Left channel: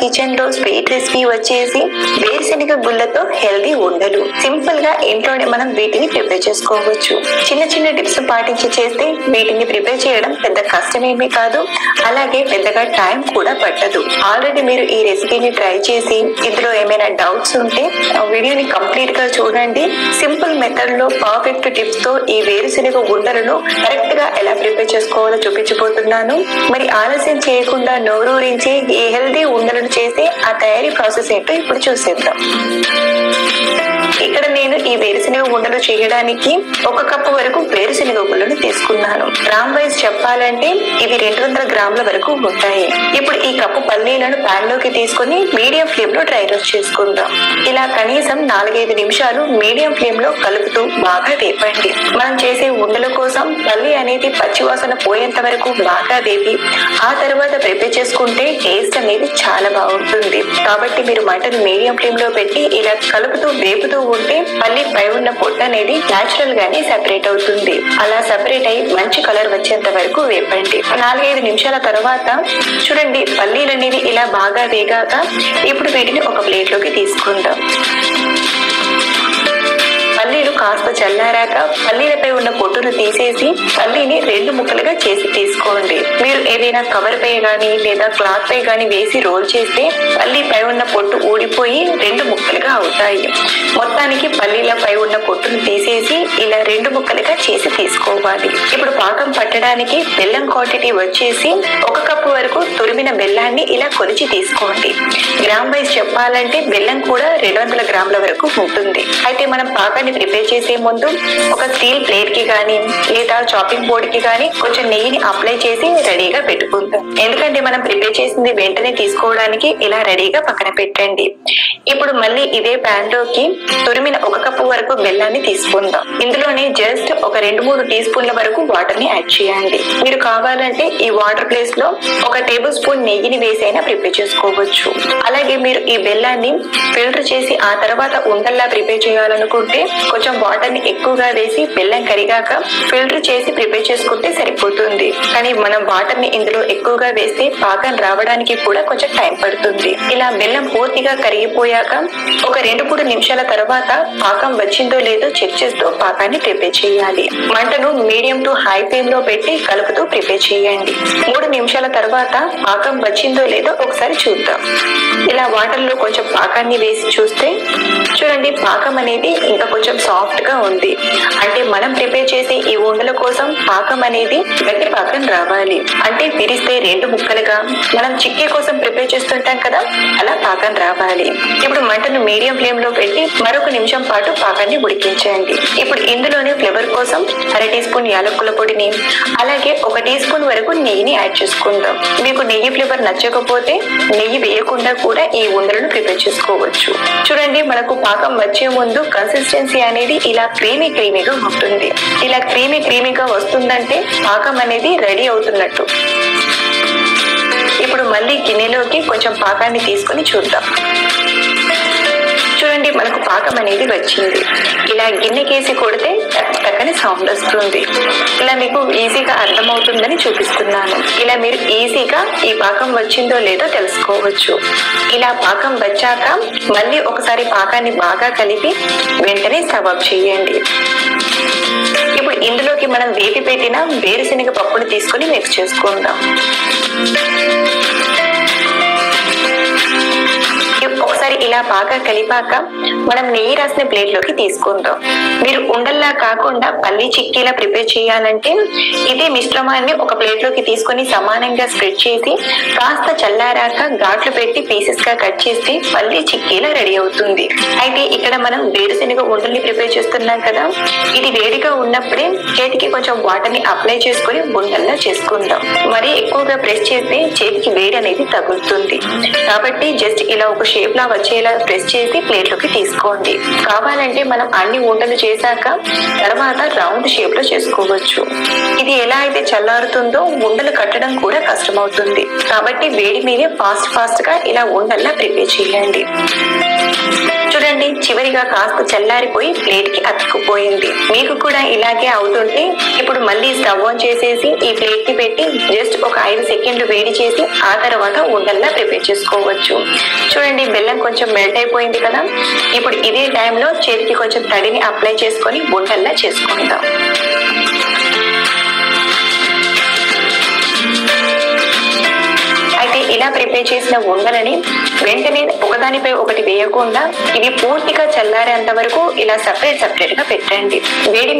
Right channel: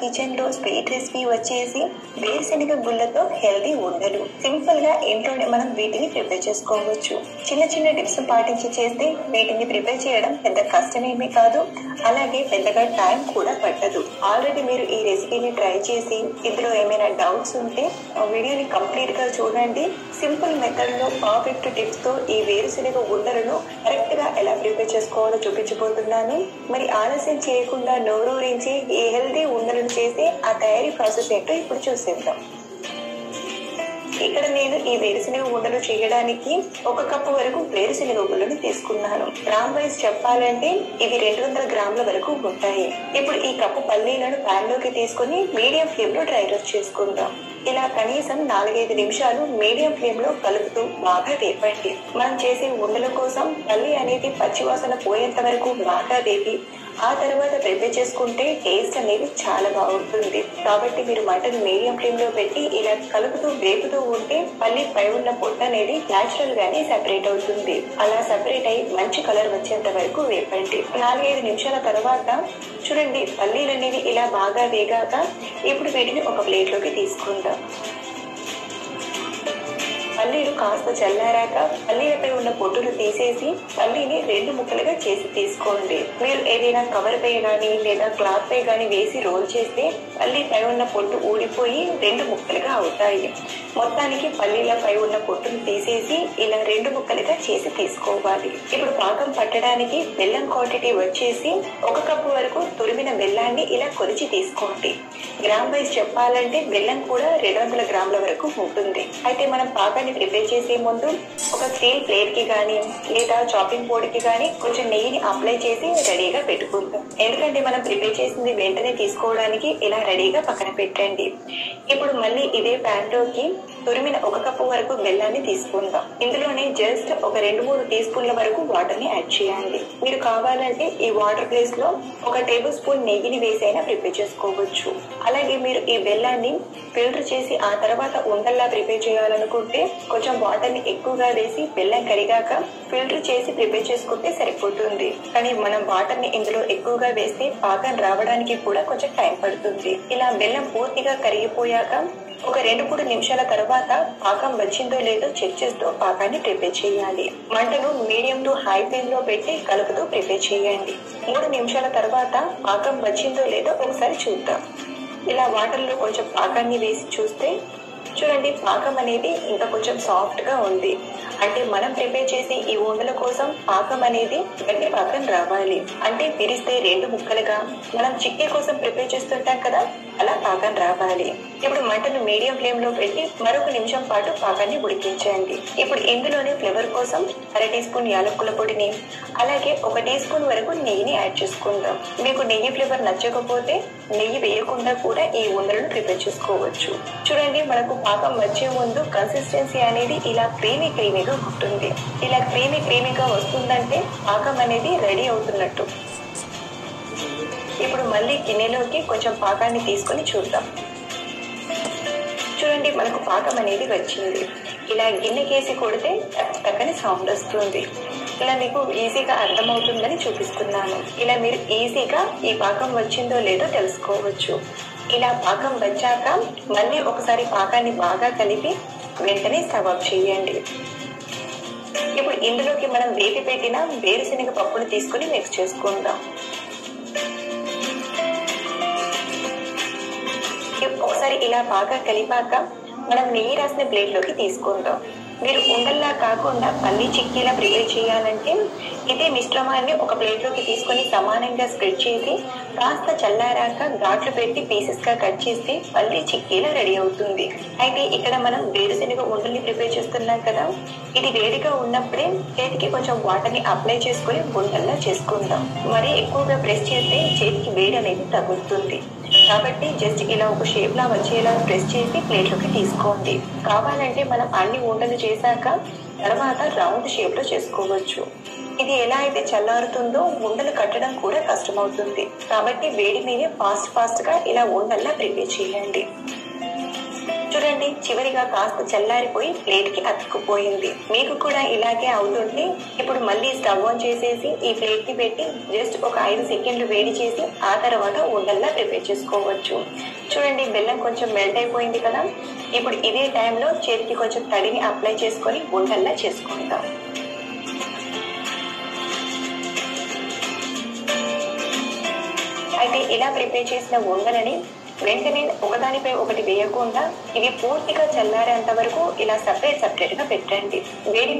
Kitchen లో sweet recipe వచ్చేసి వేరుశెనగ గుళ్ళతో హెల్దీ ఉండలు. సింపుల్ గా ఇంట్లోనే మనం వీటిని ప్రిపేర్ చేసుకోవచ్చు. చిన్న చిన్న టిప్స్ పాటించి చేస్తే వీటిని ప్రిపేర్ చేయడం పెద్ద కష్టమేమీ కాదు, అలాగే పెద్దగా టైం కూడా పట్టదు. ఆల్రెడీ మీరు ఈ రెసిపీని ట్రై చేసి ఇందులో ఏమైనా డౌట్స్ ఉంటే వీడియోని కంప్లీట్ గా చూడండి. సింపుల్ మెథడ్ లో పర్ఫెక్ట్ టిప్స్ తో ఈ వేరుశెనగ ఉండలను కరెక్ట్ గా ఎలా ప్రిపేర్ చేసుకోవాలో చూపించబోతున్నాను. మరి ఆలస్యం చేయకుండా నోరూరించి ఈ హెల్దీ ఉండలను చేసి ఆ తయారీ ప్రాసెస్ ఏంటో ఇప్పుడు చూసేద్దాం. ఇక్కడ నేను ఈ వేరుశెనగ ఉండలు చేయడానికి 1 కప్పు వరకు వేరుశెనగ గుళ్ళను తీసుకున్నాను. గ్రామ్ వైజ్ చెప్పాలంటే ఇవి 200 గ్రాముల వరకు ఉంటాయి. ఇప్పుడు ఈ కప్పు పల్లీలను పాన్ లోకి తీసుకుని మీడియం ఫ్లేమ్ లో డ్రై రోస్ట్ చేసుకుందాం. ఇలా కనీసం 4-5 నిమిషాలు మీడియం ఫ్లేమ్ లో కలుపుతూ బాగా వేపండి. మనం చేసే ఉండల కోసం పల్లి అనేది పచ్చివాసన పోయేంత వరకు బాగా వేపి ఆ తర్వాత ప్రిపేర్ చేసుకుంటే టేస్ట్ అనేది చాలా బాగుంటుంది. కాబట్టి మీరు మంటను మీడియం ఫ్లేమ్ లో పెట్టి ఇలా కలుపుతూ వేపుతూ ఉంటే పల్లి పై ఉన్న పొట్టు అనేది నేచురల్ గానే సెపరేట్ అవుతుంది. అలా సెపరేట్ అయ్యి మంచి కలర్ వచ్చేంత వరకు వేపండి. 4-5 నిమిషాల తర్వాత చూడండి పల్లీలు అనేవి ఇలా బాగా వేగాక ఇప్పుడు వీటిని ఒక ప్లేట్ లోకి తీసుకుందాం. పల్లీలు కాస్త చల్లారాక పల్లీలపై ఉన్న పొట్టును తీసేసి పల్లీని 2 ముక్కలుగా చేసి తీసుకోండి. మీరు ఏదైనా కవర్ పై గానీ లేదా క్లాత్ పై గానీ వేసి రోల్ చేస్తే పల్లీపై ఉన్న పొట్టు ఊడిపోయి 2 ముక్కలుగా అవుతాయి. మొత్తానికి పల్లీలపై ఉన్న పొట్టును తీసేసి ఇలా 2 ముక్కలుగా చేసి తీసుకోవాలి. ఇప్పుడు పాకం పట్టడానికి బెల్లం క్వాంటిటీ వచ్చేసి 1 కప్పు వరకు తురిమిన బెల్లాన్ని ఇలా కొలిచి తీసుకోండి. గ్రామ్ వైజ్ చెప్పాలంటే బెల్లం కూడా 200 గ్రాముల వరకు ఉంటుంది. అయితే మనం పాకాన్ని ప్రిపేర్ చేసే ముందు ఒక స్టీల్ ప్లేట్ కి గానీ లేదా చాపింగ్ బోర్డ్ కి గానీ కొంచెం నెయ్యిని అప్లై చేసి రెడీగా పెట్టుకుందాం. ఎందుకంటే మనం ప్రిపేర్ చేసింది వెంటనే తీసుకోవడానికి ఇలా రెడీగా పక్కన పెట్టండి. ఇప్పుడు మళ్ళీ ఇదే ప్యాన్ లోకి తురిమిన 1 కప్పు వరకు బెల్లాన్ని తీసుకుందాం. ఇందులోనే జస్ట్ ఒక 2-3 టీ స్పూన్ల వరకు వాటర్ ని యాడ్ చేయండి. మీరు కావాలంటే ఈ వాటర్ ప్లేస్ లో 1 టేబుల్ స్పూన్ నెయ్యిని వేసైనా ప్రిపేర్ చేసుకోవచ్చు. అలాగే మీరు ఈ బెల్లాన్ని ఫిల్టర్ చేసి ఆ తర్వాత ఉండల్లా ప్రిపేర్ చేయాలనుకుంటే కొంచెం వాటర్ ని ఎక్కువగా వేసి బెల్లం కరిగాక ఫిల్టర్ చేసి ప్రిపేర్ చేసుకుంటే సరిపోతుంది. కానీ మనం వాటర్ ని ఇందులో ఎక్కువగా వేస్తే పాకం రావడానికి కూడా కొంచెం టైం పడుతుంది. ఇలా బెల్లం పూర్తిగా కరిగిపోయాక ఒక 2-3 నిమిషాల తర్వాత పాకం వచ్చిందో లేదో చెక్ చేస్తూ పాకాన్ని ప్రిపేర్ చేయాలి. మంటను మీడియం టు హై ఫ్లేమ్ లో పెట్టి కలుపుతూ ప్రిపేర్ చేయండి. 3 నిమిషాల తర్వాత పాకం వచ్చిందో లేదో ఒకసారి చూద్దాం. ఇలా వాటర్ లో కొంచెం పాకాన్ని వేసి చూస్తే చూడండి పాకం అనేది ఇంకా కొంచెం సాఫ్ట్ గా ఉంది. అంటే మనం ప్రిపేర్ చేసే ఈ ఉండల కోసం పాకం అనేది గట్టి పాకం రావాలి. అంటే విరిస్తే 2 ముక్కలుగా మనం చిక్కీ కోసం ప్రిపేర్ చేస్తుంటాం కదా, అలా పాకం రావాలి. ఇప్పుడు మంటను మీడియం ఫ్లేమ్ లో పెట్టి మరొక నిమిషం పాటు పాకాన్ని ఉడికించండి. ఇప్పుడు ఇందులోనే ఫ్లేవర్ కోసం 1/2 టీ స్పూన్ యాలకుల పొడిని అలాగే 1 టీ స్పూన్ వరకు నెయ్యిని యాడ్ చేసుకుందాం. మీకు నెయ్యి ఫ్లేవర్ నచ్చకపోతే నెయ్యి వేయకుండా కూడా ఈ ఉండలను ప్రిపేర్ చేసుకోవచ్చు. చూడండి మనకు పాకం వచ్చే ముందు కన్సిస్టెన్సీ అనేది ఇలా క్రీమీగా ఉంటుంది. ఇలా క్రీమీగా వస్తుందంటే పాకం అనేది రెడీ అవుతున్నట్టు. ఇప్పుడు మళ్ళీ గిన్నెలోకి కొంచెం పాకాన్ని తీసుకుని చూద్దాం. చూడండి మనకు పాకం అనేది వచ్చింది. ఇలా గిన్నెకేసి కొడితే టక్కని సౌండ్ వస్తుంది. ఇలా మీకు ఈజీగా అర్థమవుతుందని చూపిస్తున్నాను. ఇలా మీరు ఈజీగా ఈ పాకం వచ్చిందో లేదో తెలుసుకోవచ్చు. ఇలా పాకం వచ్చాక మళ్ళీ ఒకసారి పాకాన్ని బాగా కలిపి వెంటనే స్టవ్ ఆఫ్ చేయండి. ఇప్పుడు ఇందులోకి మనం వేపి పెట్టిన వేరుశెనగ పప్పును తీసుకుని మిక్స్ చేసుకుందాం. ఒకసారి ఇలా బాగా కలిపాక మనం నెయ్యి రాసిన ప్లేట్ లోకి తీసుకుందాం. మీరు ఉండల్లా కాకుండా పల్లి చిక్కీలా ప్రిపేర్ చేయాలంటే ఇదే మిశ్రమాన్ని ఒక ప్లేట్ లోకి తీసుకుని సమానంగా స్ప్రెడ్ చేసి కాస్త చల్లారాక ఘాట్లు పెట్టి పీసెస్ గా కట్ చేస్తే పల్లి చిక్కీలా రెడీ అవుతుంది. అయితే ఇక్కడ మనం వేరుశెనగ ఉండల్ని ప్రిపేర్ చేస్తున్నాం కదా, ఇది వేడిగా ఉన్నప్పుడే చేతికి కొంచెం వాటర్ ని అప్లై చేసుకుని ఉండల్లా చేసుకుందాం. మరీ ఎక్కువగా ప్రెస్ చేస్తే చేతికి వేడి అనేది తగులుతుంది. కాబట్టి జస్ట్ ఇలా ఒక షేప్ లా వచ్చేలా ప్రెస్ చేసి ప్లేట్ లోకి తీసుకోండి. కావాలంటే మనం అన్ని ఉండలు చేశాక తర్వాత రౌండ్ షేప్ లో చేసుకోవచ్చు. ఇది ఎలా అయితే చల్లారుతుందో ఉండలు కట్టడం కూడా కష్టమవుతుంది. కాబట్టి వేడి మీద ఫాస్ట్ గా ఇలా ఉండల్లా ప్రిపేర్ చేయండి. చూడండి, చివరిగా కాస్త చల్లారిపోయి ప్లేట్ కి అతుక్కుపోయింది. మీకు కూడా ఇలాగే అవుతుంటే ఇప్పుడు మళ్ళీ స్టవ్ ఆన్ చేసేసి ఈ ప్లేట్ కి పెట్టి జస్ట్ ఒక 5 సెకండ్లు వేడి చేసి ఆ తర్వాత ఉండల్లా ప్రిపేర్ చేసుకోవచ్చు. చూడండి, బెల్లం కొంచెం మెల్ట్ అయిపోయింది కదా. ఇప్పుడు ఇదే టైంలో చేతికి కొంచెం తడిని అప్లై చేసుకొని ఉండల్లా చేసుకుందాం. ఇలా ప్రిపేర్ చేసిన ఉండలని వెంటనే ఒకదానిపై ఒకటి వేయకుండా ఇవి పూర్తిగా చల్లారేంత వరకు ఇలా సపరేట్ గా పెట్టండి. వేడి